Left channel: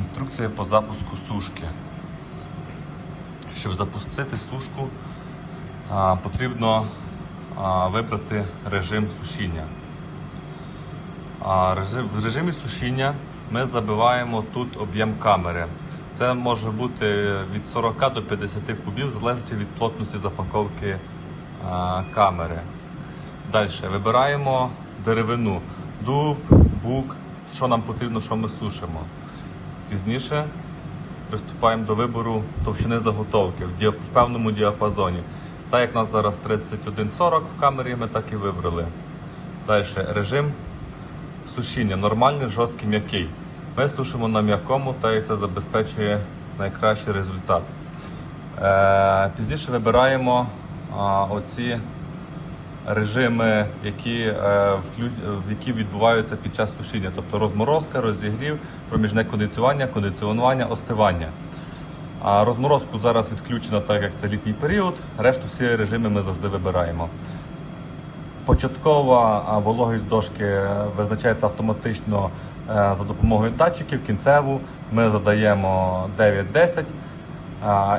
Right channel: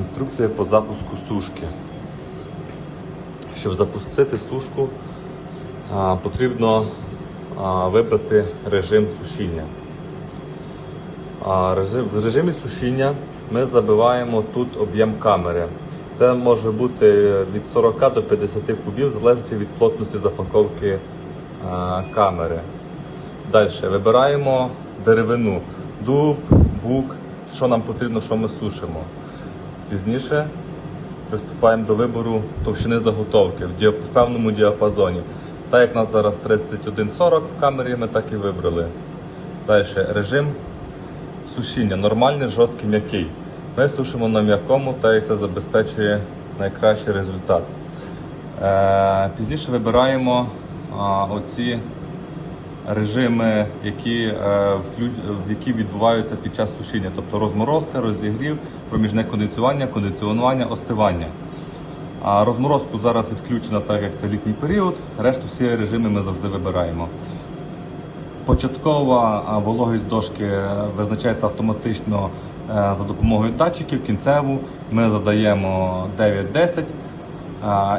Інструкція по запуску сушки. Щоб запустити сушку, потрібно вибрати режим сушіння. В режимі сушіння ми забиваємо тут об'єм камери. Це може бути від 40 до 50 кубів, залежно від плотності запаковки камери. Далі вибираємо деревину, дуб, бук, що нам потрібно, що ми сушимо. Пізніше приступаємо до вибору товщини заготовки в, певному діапазоні. Так як у нас зараз 3140 в камері, ми так і вибрали. Далі режим сушіння нормальний, жорсткий, м'який. Ми сушимо на м'якому, так як це забезпечує найкращий результат. Е, пізніше вибираємо оці режими, які, е, які відбуваються під час сушіння, тобто розморозка, розігрів, проміжне кондиціювання, кондиціонування, остивання. А розморозку зараз відключена, так як це літній період, решту всі режими ми завжди вибираємо. Початкова вологість дошки е, визначається автоматично е, за допомогою датчиків. Кінцеву ми задаємо 9-10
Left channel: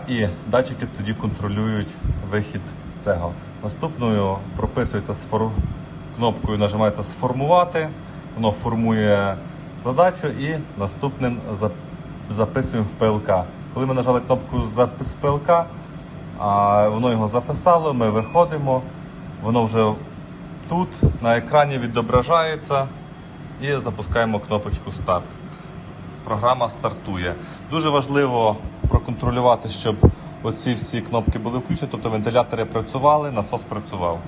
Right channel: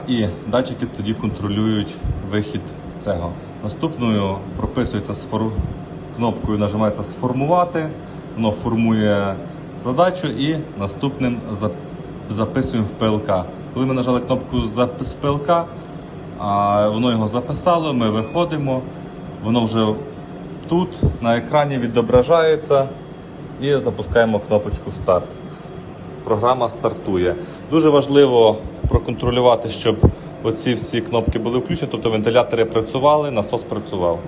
і датчики тоді контролюють вихід цього. Наступною прописується кнопкою, нажимається сформувати, воно формує задачу і наступним записуємо в ПЛК. Коли ми нажали кнопку запис ПЛК, воно його записало, ми виходимо, воно вже тут на екрані відображається і запускаємо кнопочку старт. Програма стартує. Дуже важливо проконтролювати, щоб оці всі кнопки були включені, тобто вентилятори працювали, насос працював.